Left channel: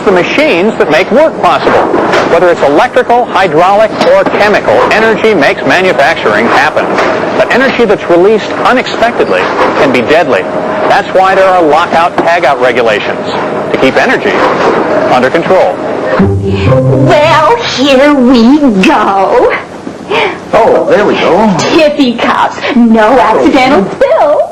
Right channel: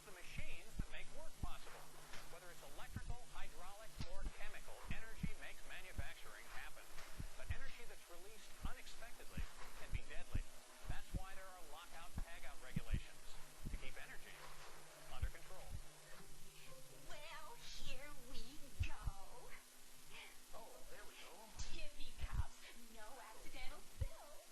use the machines that make work possible. Whether it's electrical, hydraulic, or chemical, energy makes manufacturing happen. But energy that's released unexpectedly can be deadly. That's why there are lockout, tagout regulations to keep energy under control. Well, here we go. Oh, there we go. Tippy cups, no accidental spills.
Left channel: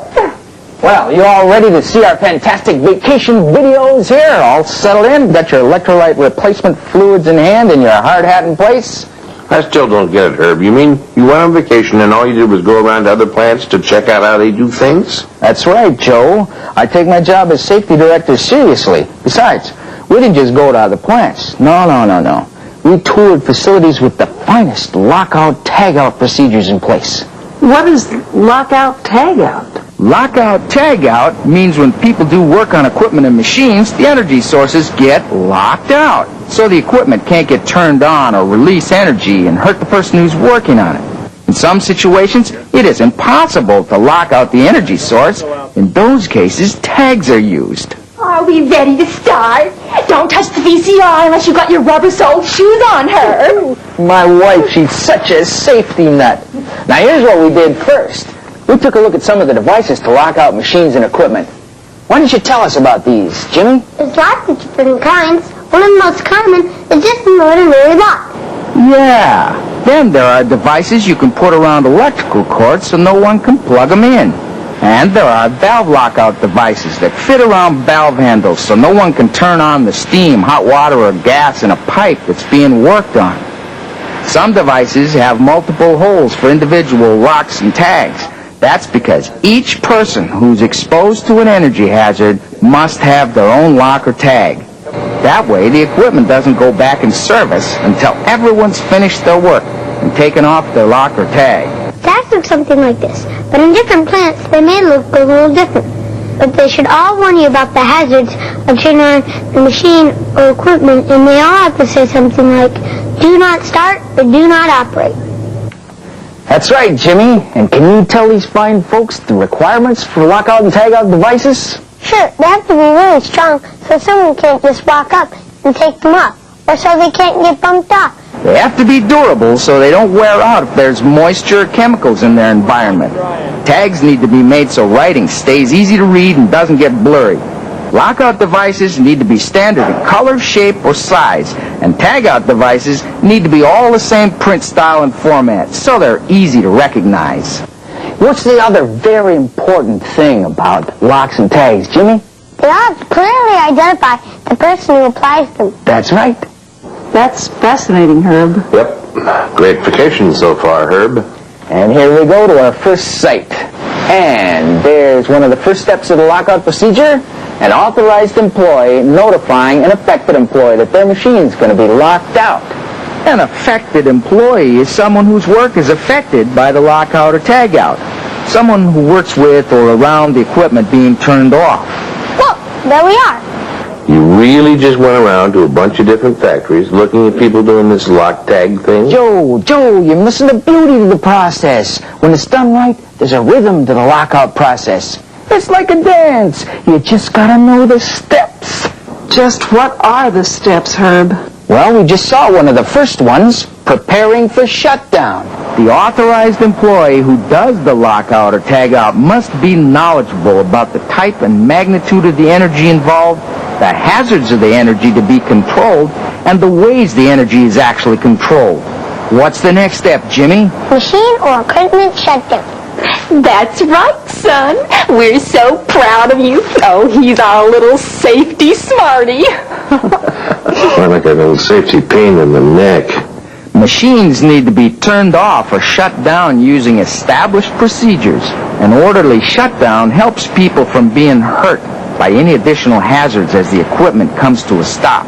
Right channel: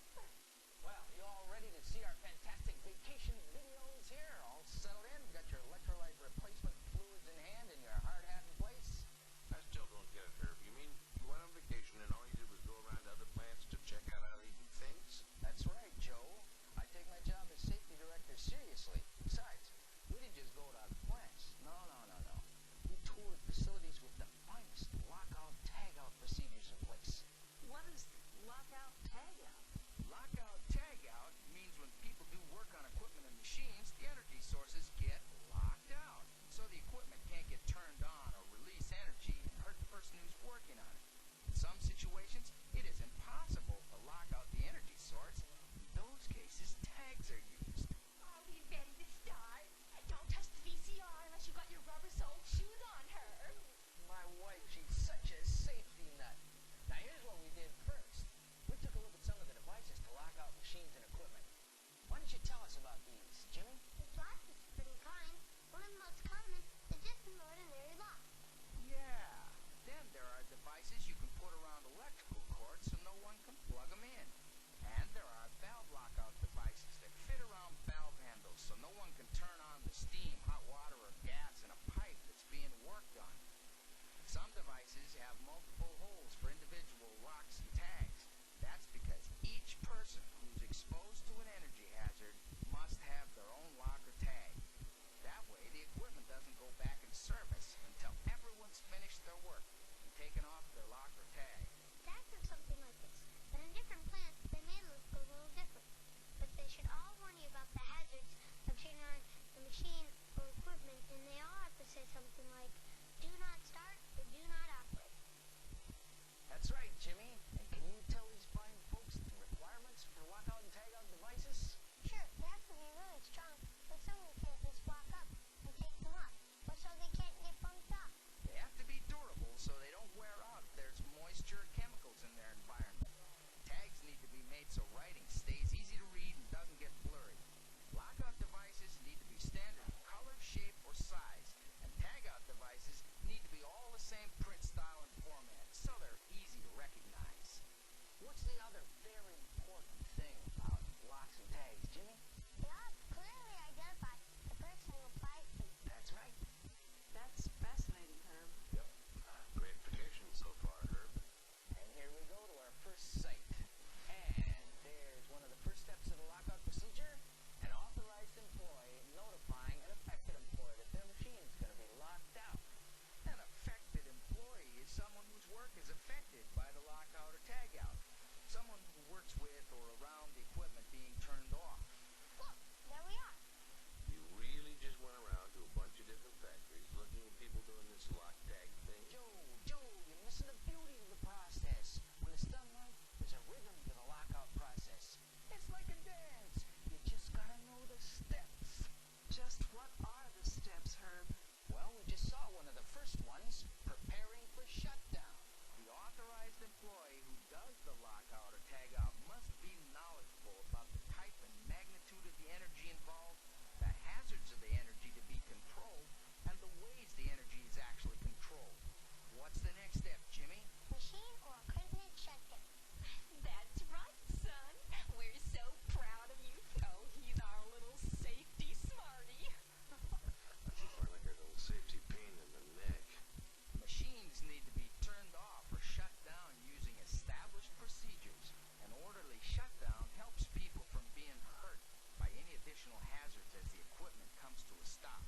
Well, you all ready to see our fantastic vacation videos here? All settled in? Got your electrolyte replacement fluids in hand and your hard hat in place? I still don't get it, Herb. You mean you went on vacation and all you did was go around to other plants to check out how they do things? That's right, Joe. I take my job as safety director seriously. Besides, we didn't just go to other plants. No. We toured facilities with the finest lockout, tagout procedures in place. What is lockout, tagout? Lockout, tagout means when people do work on equipment and machines, the energy sources get locked out. So the equipment can't get turned on or release energy and hurt the person who's working on it. In some situations, it is impossible to lock out the energy source. In those cases, tags are used. Are we ready to start? Don't touch the VCR unless you've got your rubber-soled shoes on, her. My wife, she's such a safety nut. Now, here's what we did first. We took a look at some of the devices to lock out machines and equipment. Why don't you tell us about these, Jimmy? There's lots of different kinds. One of the most common is just an ordinary lock. Yeah. Then there are devices you can put around electrical cords so no one can plug them in. And there are valve lockout devices that fit around valve handles so no one can turn on the steam, hot water, or gas in a pipe that's being worked on. Some devices have multiple holes for individual locks and tags. That's because each person who's exposed to an energy hazard must have their own lock or tag. That way, the equipment doesn't go back in service until everyone's finished their work and taken off their lock or tag. Tags look something like this, but in different plants they may look a little different. But they should all warn you about the hazards of turning on the machine or equipment, and they all have to say something like, do not start or do not operate. That's right, Jimmy. And can you tell these fine folks the requirements for lockout and tagout devices? Sure, they have to be really strong so someone can't just walk up and take them off, or so they can't get bumped off. They have to be durable so they don't wear out if there's moisture or chemicals in their environment. Tags need to be made so writing stays easy to read and doesn't get blurry. Lockout devices need to be standard in color, shape, or size, and tagout devices need to be all the same print style and format so they're easy to recognize. What's the other very important thing about locks and tags, Jimmy? They all have to clearly identify the person who applies them. That's right. That's fascinating, Herb. Yep. Great vacation so far, Herb. And here we go to our first site. And there's one of the first steps of the lockout procedure, an authorized employee notifying an affected employee that their machine's going to be locked out. An affected employee is someone whose work is affected by the lockout or tagout. Someone who works with or around the equipment being turned off. Look, there we are. You really just went around to a bunch of different factories looking at people doing this lock tag thing? Joe, you're missing the beauty of the process. When it's done right, there's a rhythm to the lockout process. It's like a dance. You just gotta know the steps. Just what are the steps, Herb? Well, we just saw one of the first ones, preparing for shutdown. The authorized employee who does the lockout or tagout must be knowledgeable about the type and magnitude of the energy involved, the hazards of the energy to be controlled, and the ways the energy is actually controlled. What's the next step, Jimmy? Machine or equipment shutdown. That's right, son. We're so proud of you. Oh, he's our little safety smarty. I like that little safety pain in the neck. Machines need to be turned off or shut down using established procedures. An orderly shutdown helps people from being hurt by any additional hazards as the equipment comes to a stop.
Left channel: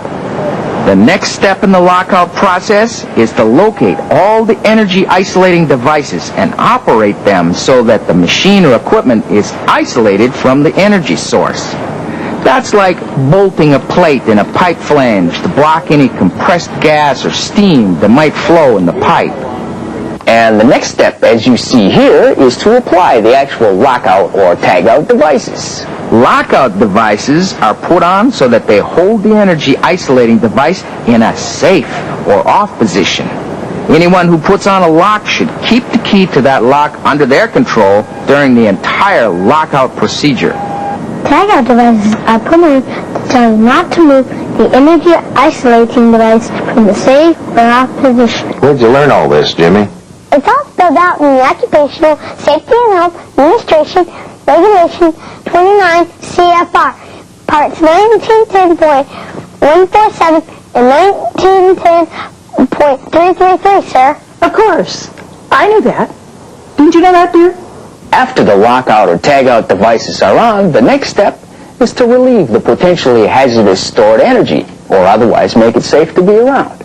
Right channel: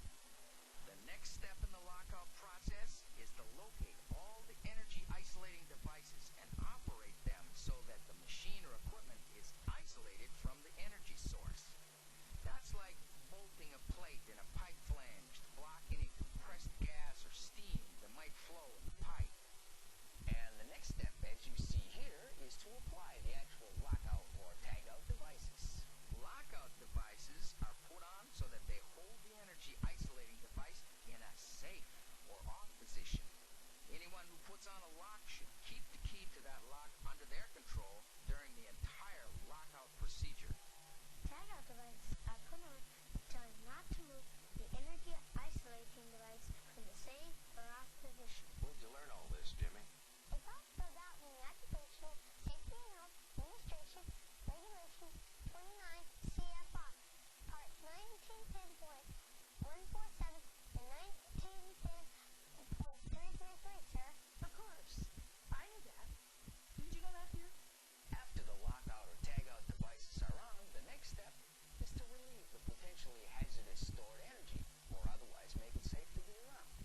The next step in the lockout process is to locate all the energy isolating devices and operate them so that the machine or equipment is isolated from the energy source. That's like bolting a plate in a pipe flange to block any compressed gas or steam that might flow in the pipe. And the next step, as you see here, is to apply the actual lockout or tagout devices. Lockout devices are put on so that they hold the energy isolating device in a safe or off position. Anyone who puts on a lock should keep the key to that lock under their control during the entire lockout procedure. Tagout devices are put on to tell you not to move the energy isolating device from the safe or off position. Where'd you learn all this, Jimmy? It's all spelled out in the Occupational Safety and Health Administration Regulation 29 CFR, Parts 1910.147 and 1910.333, sir. Of course. I knew that. Didn't you know that, dear? After the lockout or tagout devices are on, the next step is to relieve the potentially hazardous stored energy, or otherwise make it safe to be around.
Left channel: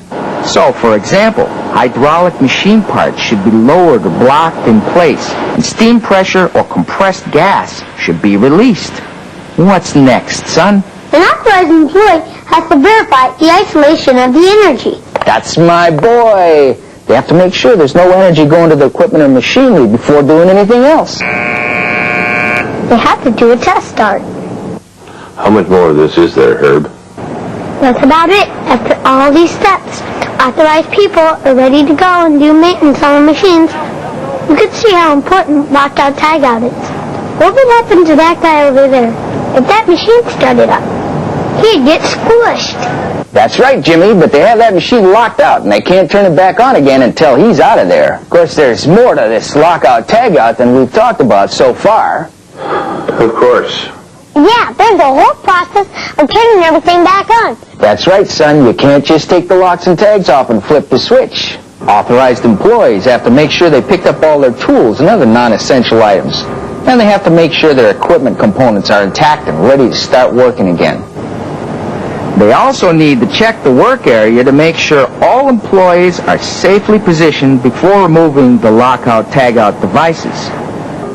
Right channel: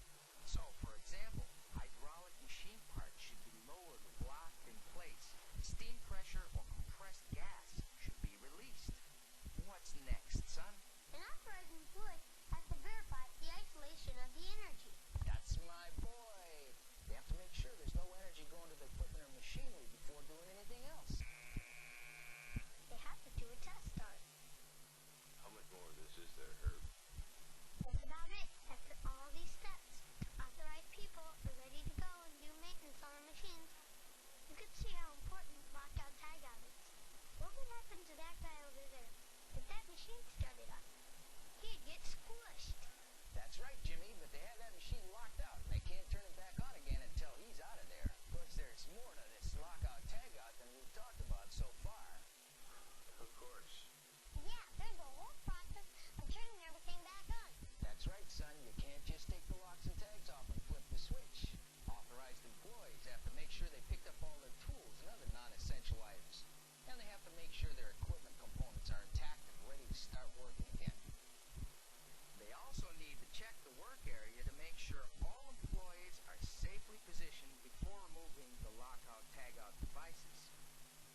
So, for example, hydraulic machine parts should be lowered or blocked in place, and steam pressure or compressed gas should be released. What's next, son? An authorized employee has to verify the isolation of the energy. That's my boy. They have to make sure there's no energy going to the equipment or machinery before doing anything else. They have to do a test start. How much more of this is there, Herb? That's about it. After all these steps, authorized people are ready to go and do maintenance on the machines. You can see how important lockout tagout is. What would happen to that guy over there if that machine started up? He'd get squished. That's right, Jimmy, but they have that machine locked out, and they can't turn it back on again until he's out of there. Of course, there's more to this lockout tagout than we've talked about so far. Of course. Yeah, there's a whole process of turning everything back on. That's right, son. You can't just take the locks and tags off and flip the switch. Authorized employees have to make sure they picked up all their tools and other non-essential items. And they have to make sure their equipment components are intact and ready to start working again. They also need to check the work area to make sure all employees are safely positioned before removing the lockout tagout devices.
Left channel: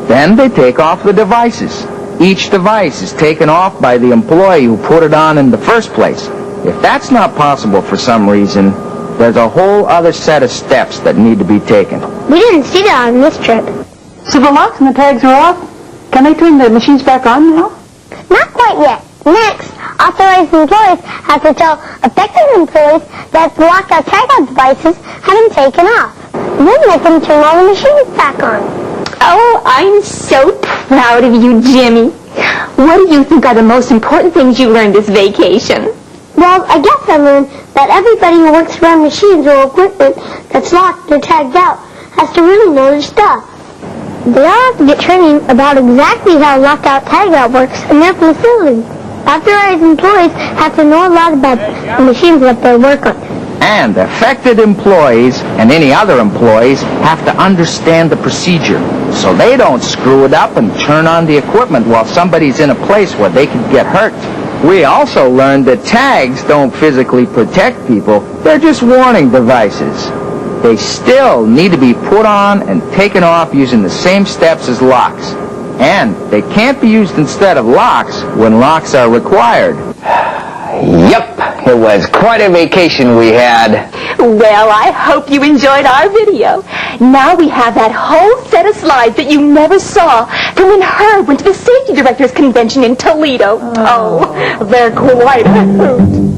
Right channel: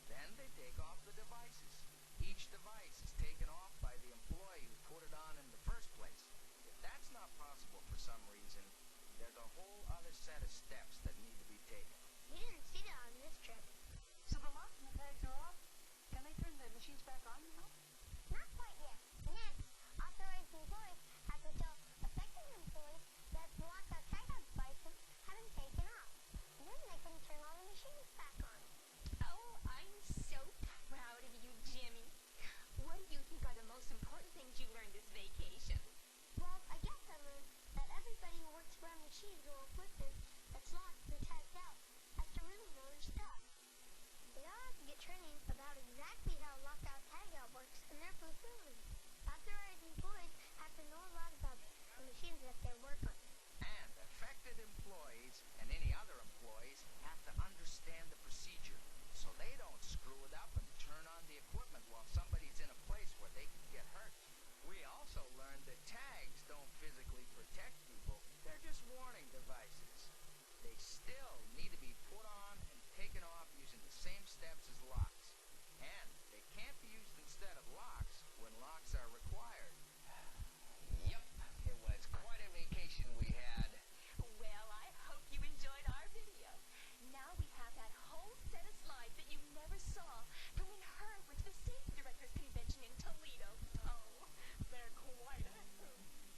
Then they take off the devices. Each device is taken off by the employee who put it on in the first place. If that's not possible for some reason, there's a whole other set of steps that need to be taken. We didn't see that on this trip. So the locks and the tags are off? Can they turn the machines back on now? Not quite yet. Next, authorized employees have to tell affected employees that the lockout tagout devices have been taken off. Then they can turn all the machines back on. Oh, I'm so proud of you, Jimmy. What do you think are the most important things you learned this vacation? Well, I guess I learned that everybody who works around machines or equipment that's locked or tagged out has to really know their stuff. They all have to get training about exactly how lockout tagout works in their facility. Authorized employees have to know a lot about the machines that they work on. And affected employees and any other employees have to understand the procedure so they don't screw it up and turn on the equipment while somebody's in a place where they could get hurt. We also learned that tags don't physically protect people. They're just warning devices. They still need to be put on and taken off using the same steps as locks. And they can't be used instead of locks when locks are required. Yep, it was quite a vacation we had. Well, I hope you enjoyed our video. Now we have that whole set of slides that you never saw from when Herb went to the Safety Directors Convention in Toledo. Oh, they're quite a hoot.